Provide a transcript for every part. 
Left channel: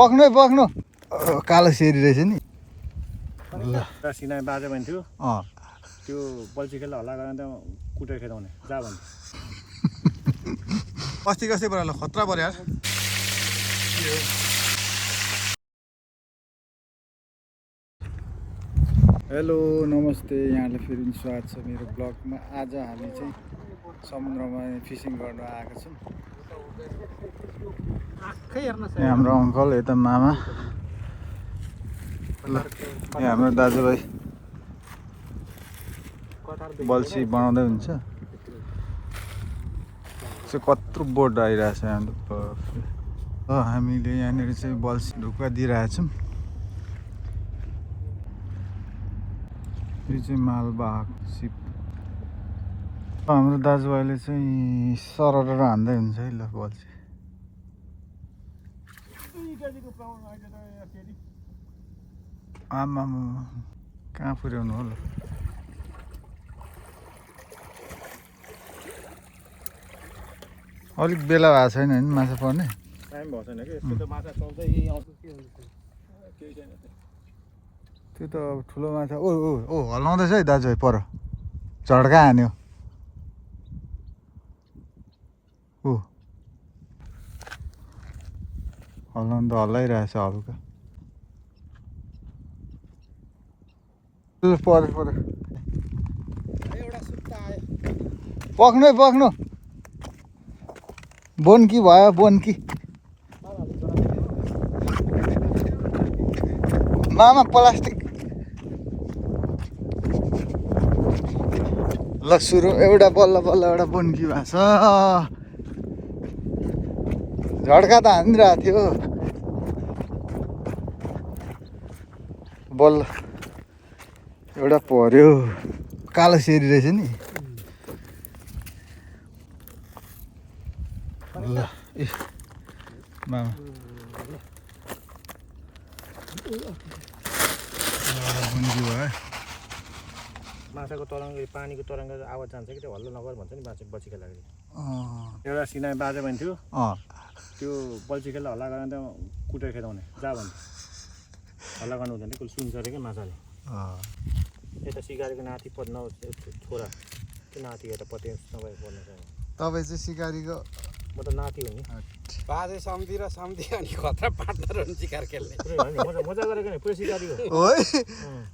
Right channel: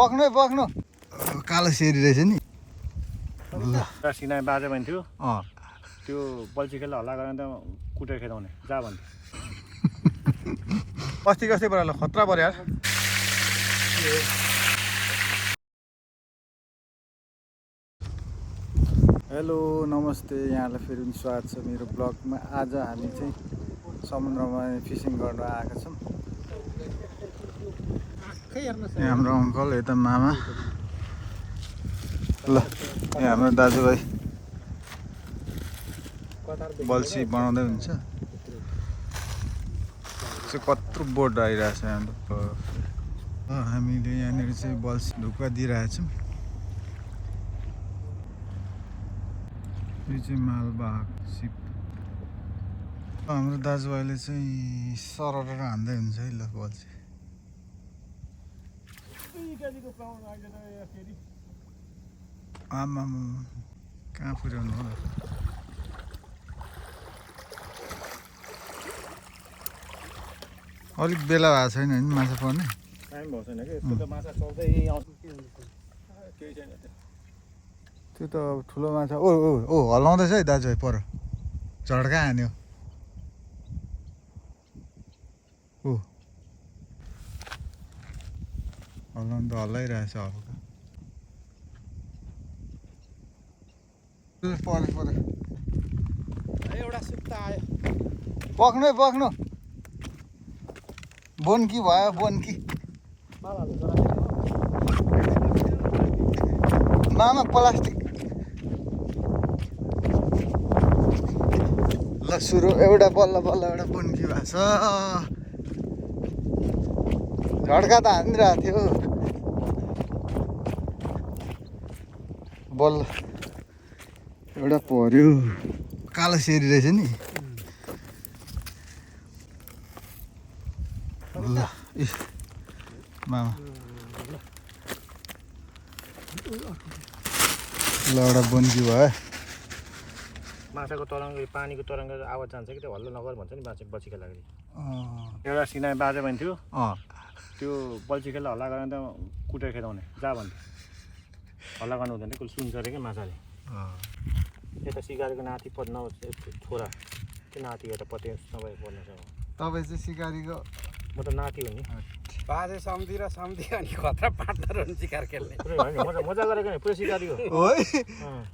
पक्नु पक्नु कालो सेरी रहेछ नि ल सिनाइ बाजे भन्थ्यो त्यो बल्छी खेल्दा हल्ला गरेर त कुटेर खेदाउने जा भन्थ्यो अस्ति कस्तै पऱ्यो खतरा पऱ्यो यार हेलो नमस्ते यहाँलाई फेरि पनि स्वागत छ मेरो ब्लगमा। आज हामी चाहिँ समुद्रमा फिसिङ गर्न आएका छौँ। यहाँ हाम्रो अङ्कल, यता मामा, ल यहाँ हाम्रो दाजुभाइ बल्छी बनाउँदै हुन्छ। चाहिँ कत्रो बोट आइरहेको छ हाम्रो। हामीले यहाँनिर चाहिँ बल्छी ढुक्का दिइरहेछौँ। यो चाहिँ मालवाहक सिप। हाम्रो दाजुभाइले चाहिँ सरर हान्दै हुन्छ है ल बल्छी। आमा कहाँ पुर्याउनु हो ल। अलिक बेला भएको छैन नि माछा पर्ने। टाइम भएको छैन कि यस्तो त माछा चल्दै यही आउँछ के हुन्छ केही छैन त्यो त अब ठुलो माछा। ओ ओ ओ हल्लाउँदैछ है दाजुभाइ, पर झड्का हान्यो। ओ हल्लाउनु त हल्लाइरहेछ हल्का। पऱ्यो पऱ्यो एउटा सुत्ता आयो। पक्नु है पक्नु। बोन्की भयो बोन्की। मामा प्लास्टिक। ल सुरु। एउटा बल्ल बल्ल एउटा बोन्की भएको छ। झड्का त हानिरहेको थियो बल्ल एउटा पर्यो। कालो सेरी रहेछ नि। ल ए मामा ल एउटा बोन्की भयो। माछाको तरङ्ग पानीको तरङ्ग आवाज जान्छ कि त्यो हल्ला नगर भन्छ नि बल्छी खेल्दाखेरि। एउटा सिनाइ बाजे भन्थ्यो त्यो बल्छी खेल्दा हल्ला गरेर त कुटेर खेदाउने जा भन्थ्यो। हल्ला गर्नु हुँदैन कसले सुन्छ अरे क्या माछाले। यता सिकारीको नाति पद छोरा त्यो नाति यता पत्ते नभए पर्ने छ। तपाईँ चाहिँ सिकारीको? म त नाति हो नि। बाजे सम्झी र सम्झी अनि खतरा पार्टनर हो नि सिकार खेल्ने। मजा गरेको नि पुरै सिकारी हो।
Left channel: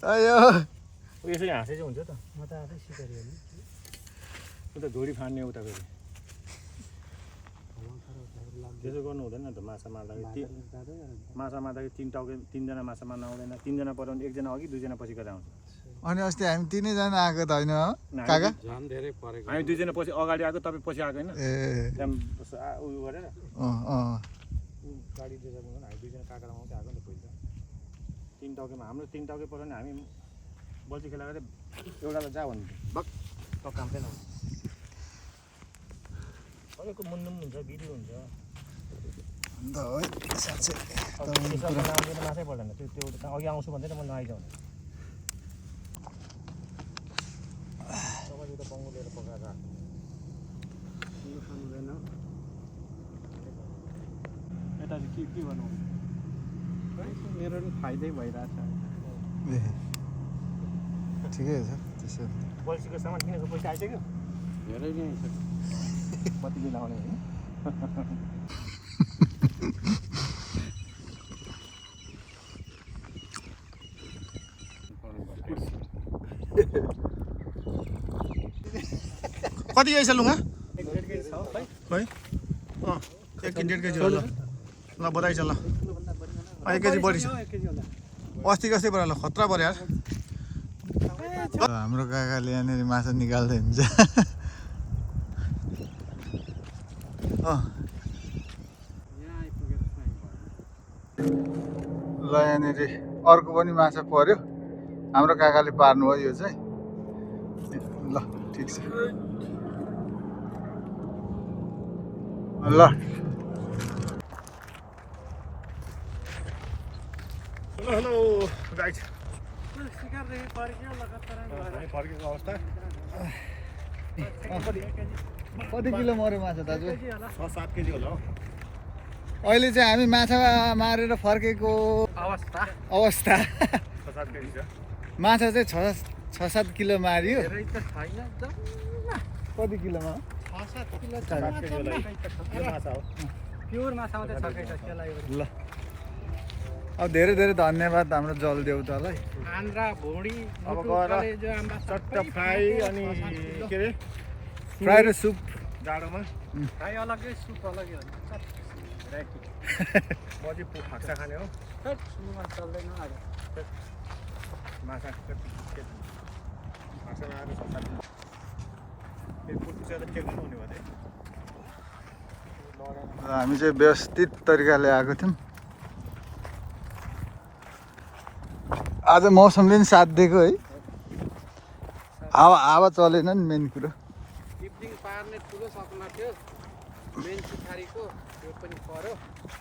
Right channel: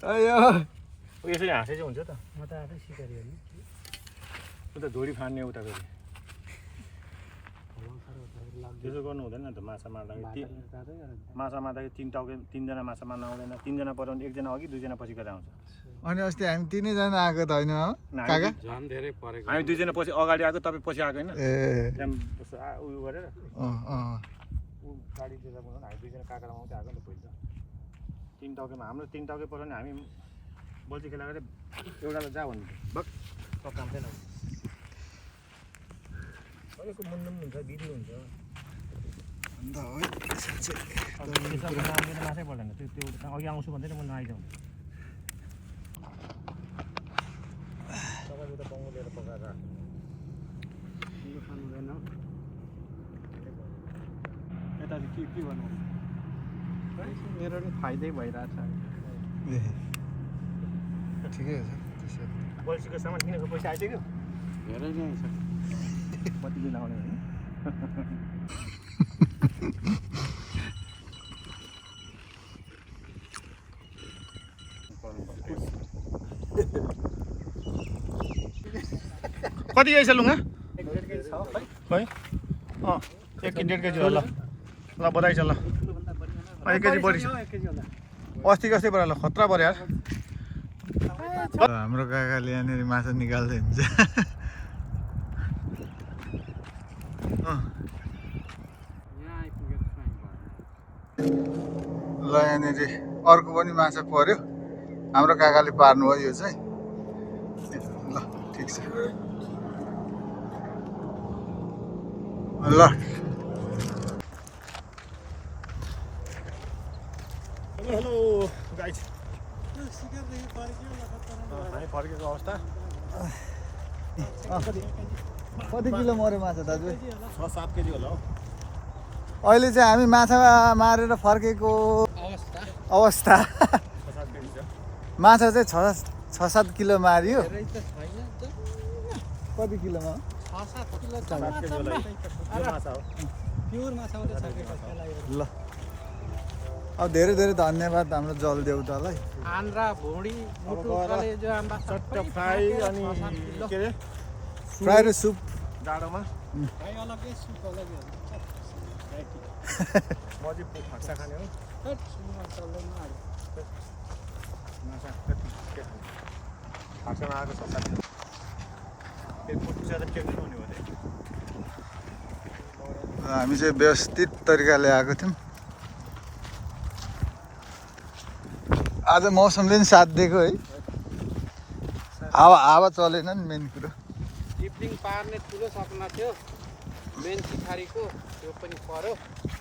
अयो यसरी हाँसे चाहिँ हुन्छ त। म त आफै सिकारी हो नि। उता झोडी फान्ने उता फेरि त्यसो गर्नु हुँदैन त। माछा मार्दाखेरि माछा मार्दाखेरि तिनजना माछा मार्नु आउँदैन। तिनजना पराउने एकजना अघि दुईजना पछि गरेर आउँछ। अनि अस्ति हामी तिनैजना आएको त होइन काका? झन् धेरै परेको। हामी दुईजना पछि अगाडि आएको तपाईँ पछि आएको होइन। ए त्यहाँदेखि उयो गरेर गाडी दिँदा बनाउनु हामी दुईजना काका आउँछ आएको नि त पहिला। तिन टाउकेमा हाम्रो तिन टाउके पऱ्यो भने हामी बल्छी खेला गरेर एउटालाई जा भन्नु बक त काम छैन। अलिकति मुन्नुम हुन्छ बिग्रियो हुन्छ अन्त है साँच्चै त्यसमा नाम माछै पर्दैन। त्यो अघि आउँछु भन्दै म नआइजाउँ। तपाईँले त बङ्गो लिएर पकाएर खानु हुँदैन। यता चाहिँ के भन्नु मेरो नि फाइदै भइरहेछ। ए ठिकै छ त्यसो। बल्छीको सामान किनेको पैसा आइसक्यो। धेरै नै छ। कति दिन आउने होइन। कति केजी छ लुगा? खै 1 केजी 1.5 केजी होला। ल बधाई छ ल। 1 केजी बढी छ। अस्ति कस्तै पऱ्यो ल खतरा पऱ्यो यार। हाम्रो काकाले यहाँनिर माछा निकाल्दै हुन्छ। ल यहाँनिर अर्को पनि माछा पर्यो। हाम्रो काकाले पार्नु हो यो चाहिँ। ल ठिक छ ल। Hello hello guys. सिकारदेखि फर्कियो लगातार फर्केको अवस्था। कति किलो मऱ्यो माछा दाजु? 6-7 केजी होला हौ। अहिले चाहिँ हामी माछा मारेर फर्केको अवस्था माछा चाहिँ 6-7 किलो मारियो। कति किलोमा ल अब धेरै धेरै धन्यवाद हाम्रो जलदेउतालाई। अब गएर चट्ट फ्राई अनि के अरे फ्राई र सुप जाडोमा म चाहिँ फाक्सा खाने हो माछा फाक्सामा आएको 6-7 हुने भयो हामी चाहिँ व्यवस्थित तरिकाले आएको थियौँ। आज मौसमले नि साथ दिएको है। हावा चलेन नि मेन कुरो। टिप्लिङ पार्ने ठुलो सपना थियो मेन चिखारीको त्यो पनि पर्यो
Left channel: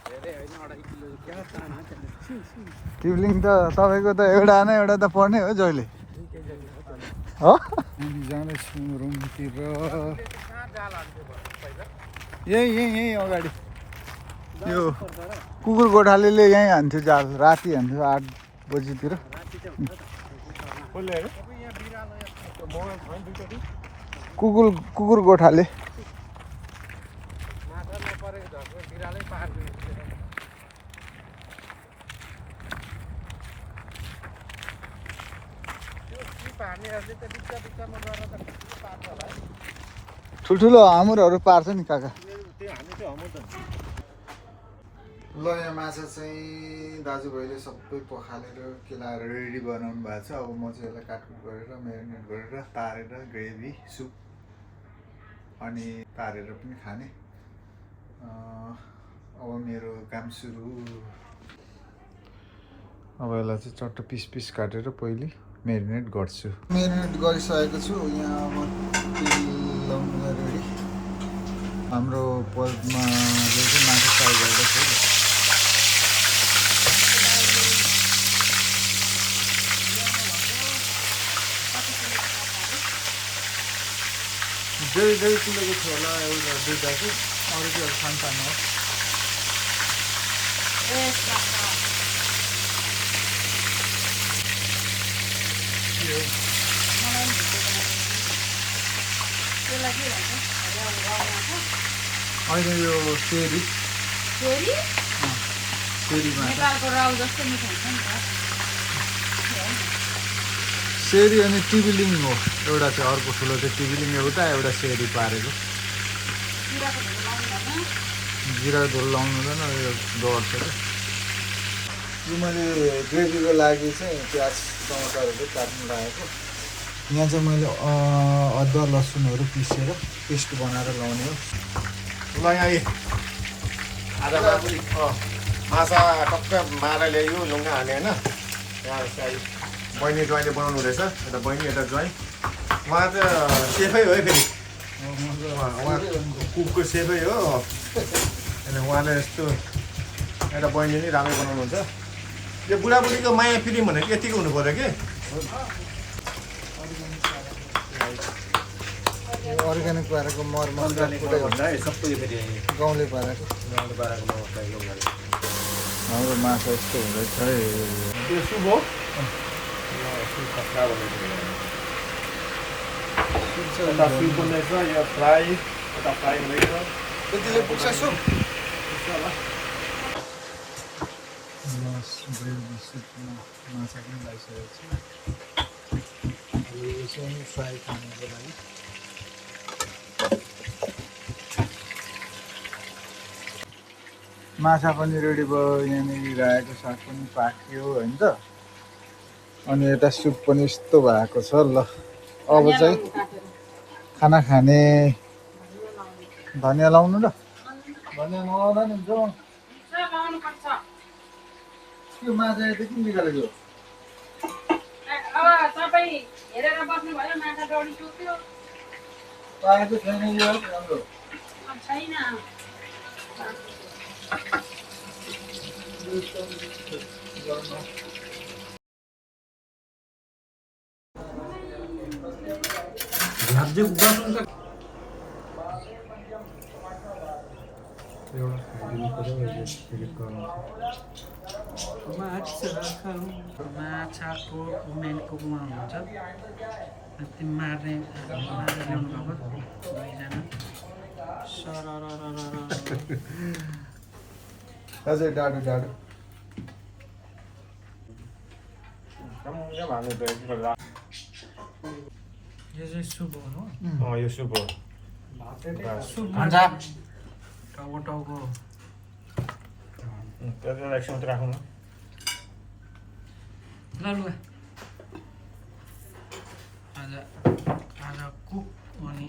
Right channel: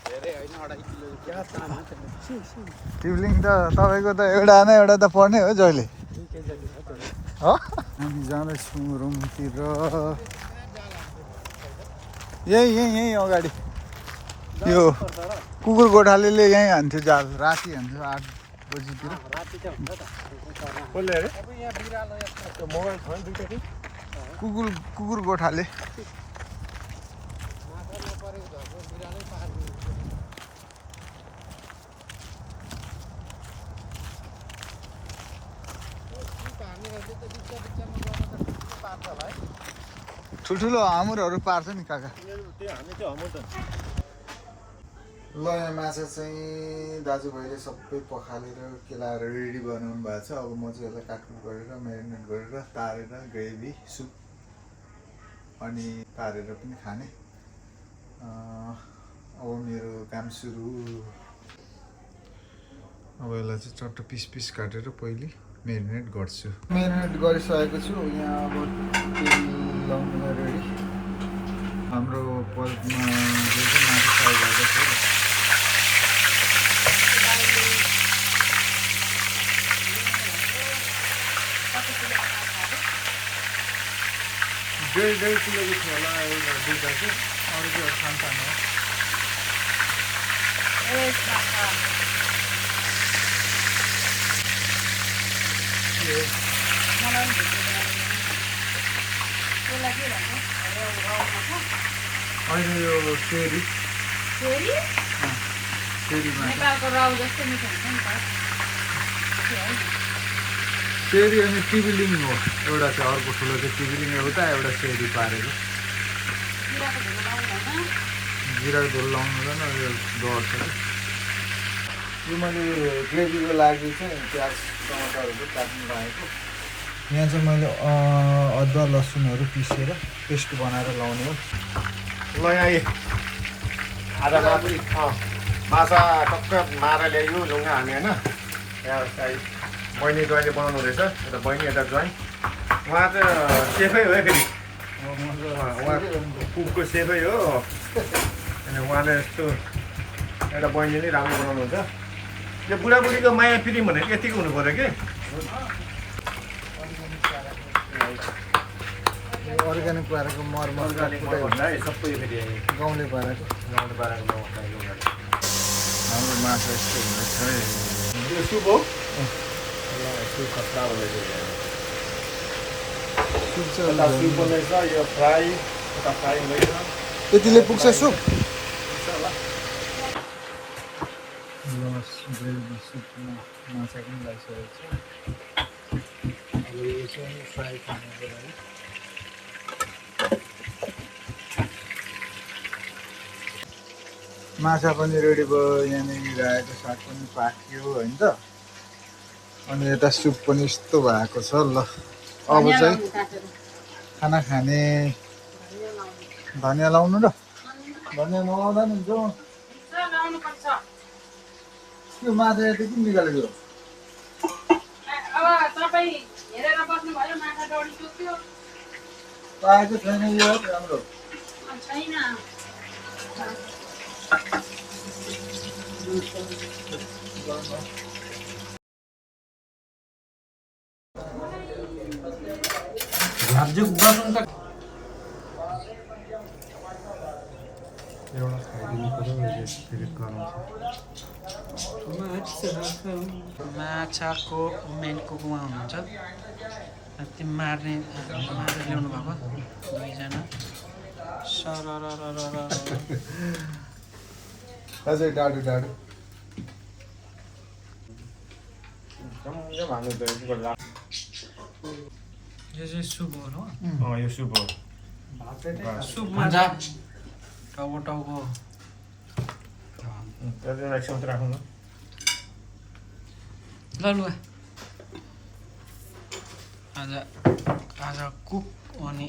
धेरै होइन 2.5 किलो टिप्लिङ त तपाईँको त एउटा न एउटा त पर्ने हो जहिले हो। हामी जाँदैछौँ रुमतिर। यहीँ अगाडि यो कुकुर गोठालेले यहीँ हान्थ्यो जाल। राति हान्थ्यो 8 बजीतिर। कुकुर गोठाले ठुल्ठुलो हामुरहरू पार्छ नि काका। ल यहाँ माछा चाहिँ दाजुभाइले सबै पखालेर केलाएर रेडी बनाउनु भएको छ। अब म चाहिँ यसलाई काटकुट गरेर म्यारिनेट गरेर तारेर ग्रेभी सुप अनि तारेर पनि खाने। अब मेरो काम सुरु। अब यसलाई चाहिँ चट्ट पिस काटेर पहिले म्यारिनेट गर्छु। म्यारिनेट गरिसकेको छु। यहाँ अब तेल लाउनु रेडी। हाम्रो पल्पमा चाहिँ माछा फ्राई गर्दैछ। डेढ किलोको थियो होला एउटा दुईवटा चाहिँ, अरू चाहिँ सानो हो। अहिले यो सेरी सेरी अनि टिबिलिङ हो एउटा चाहिँ। अर्को ठुलो चाहिँ टिबिलिङ एउटा सेरी पारेको। जिराको झोल लाउनु हुँदैन, यो डर छ। यो मैले ग्रेभीको लागि चाहिँ प्याज टमाटरहरू काट्नु लागेको। यहाँ चाहिँ मैले अदुवा लसुनहरू पिसेर पेस्ट बनाएर लाउने हो। ल यहाँ आधा माछा टक्क मारेर ल्यायो लुङ्गा हाने होइन। यहाँ चाहिँ बहिनी ज्वाइँले बनाउनु हुँदैछ। यता बहिनी यता ज्वाइँ। उहाँ चाहिँ सेफै हो है फेरि। उहाँ कुकको सेफै हो। अनि उहाँले यस्तो एउटा बहिनीले राम्रै बनाउनुहुन्छ। यो बुढाबुढीको माया प्रेम भनेको यतिको हुनु पऱ्यो कि। अर्ग्यानिक पारेको मरमसला भन्दा सबै फेरि गाउँले पारेको मसला हाम्रो माछा यस्तो हुँदैछ है। त्यो सुप हो। त्यतिले पुग्छ सुप। माछा पनि लगाइसकेको छु। यो चाहिँ फ्राई खानुको लागि। माछा पनि रेडी भयो। यहाँनिर रायोको साग पनि पाक्यो होइन त। अनि यता सुप पनि यस्तो भएको छ। ल अब चाहिँ खाना खाने। धनियाँ लाउनु र। धनियाँ नलाउँदा नि हुन्छ। त्यो माछा यति किन निकालेको? पाएको छैन यो राम्रो। माछाको मेन कुकमा हुनुहुन्छ त्यो मार्ने मारेर ल्याउनु भएको दुईजना सरररररर अझै डाडु डाडु यो चाहिँ सुप हो यो सुप हो सुपमा टाउको टाउको एकछिन राखौँ न ल लु आज आज कुक अनि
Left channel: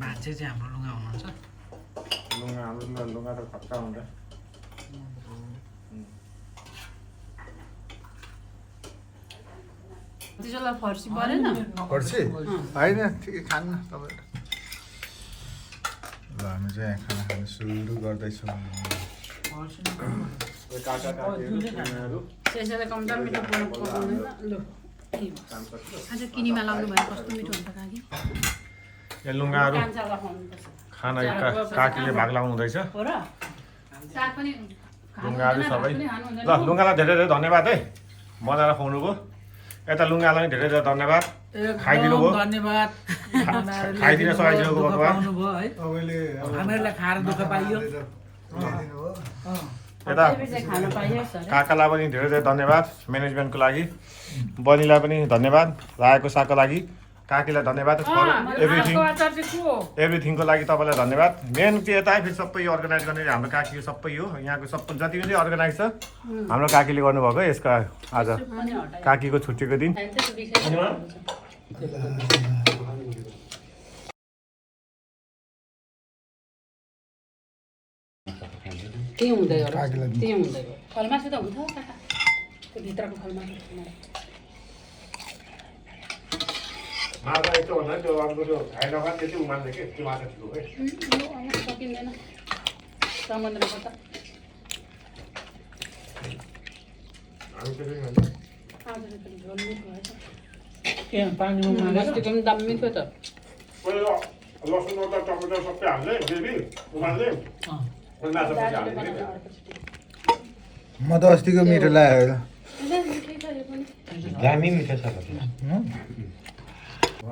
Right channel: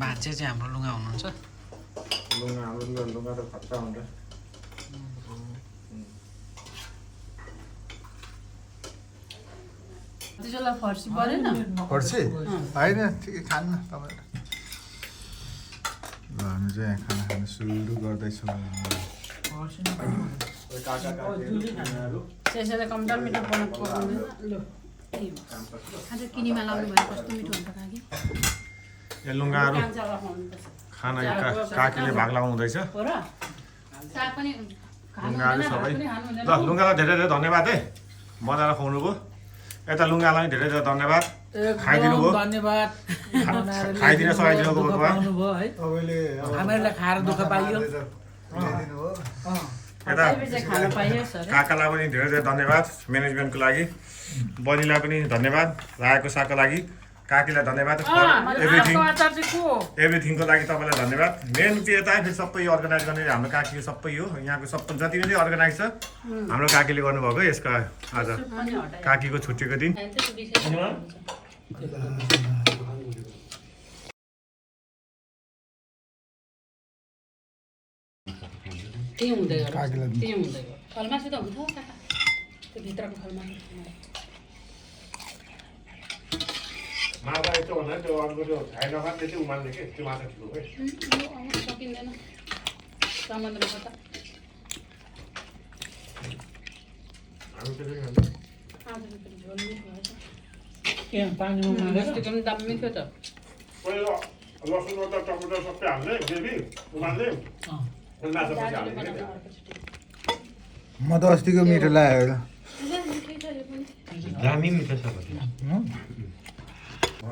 भान्जे चाहिँ हाम्रो लुगा हुनुहुन्छ लुगा त खट्टा हुन्छ त्यसलाई फर्सी परेन पर्छ होइन ठिकै खान्न तपाईँहरू ल हामी चाहिँ यहाँ खाना खानु सुरु गर्दैछौँ त्यसैले कम्ता मिठो पकाउनु ल आज किनीमा लाउनु भयो कस्तो मिठो हुन्छ काकी यहाँ लुगाहरू कान्छालाई खुवाउनुपर्छ खाना काकीले भाग लाउनु हुँदैछ हो र साग पनि लुगाहरू सबै ल लुगालाई धेरै धेरै धन्यवाद है बनाएर खुवाउनु भयो यता लुगालाई धेरै धेरै धन्यवाद खाइदिनु भयो धन्यवाद खाइदिन सघाइदिनुको भगवान् तपाईँले हामीहरूलाई खाएर दुःख पाइयो यता खान पाइयो सर काकालाई पनि धेरै धेरै धन्यवाद म्यानेजमेन्टको लागि बनिलाई पनि धन्यवाद रायोको सागको लागि काकीलाई धन्यवाद एभ्रिथिङको लागि तपाईँलाई धन्यवाद मेन चाहिँ यता फेरि सबै यो अर्गनाइज गर्ने हाम्रो काकीको सबै हो यहाँको सबै जति पनि अर्गनाइज छ हाम्रो काकीले गर्नुभएको यसको आज काकीको छुट्टीको दिन त्यही हुँदै हो त्यही हुँदै हो फलमासु त हुन्छ काका त्यो भित्रको फलमासु माछा यस्तो भन्दा त्यो अर्को त्यो खाइ नखाने त्यति उमाल्ने के त्यो माछा ठिक हो है सकिँदैन समुद्रको त हामी त्यसरी खान्छ आज झोल मिठो भएछ पानीमा बस्तीको पनि दाम मिठो छ पहिला लसुन अदुवा टमाटर सबै हाल्ने ग्रेभी उमाल्ने अनि माछा पछि हाल्ने म त अस्तिको मिठो लाग्यो मिठै छ यो पनि दामी मिठो छ ल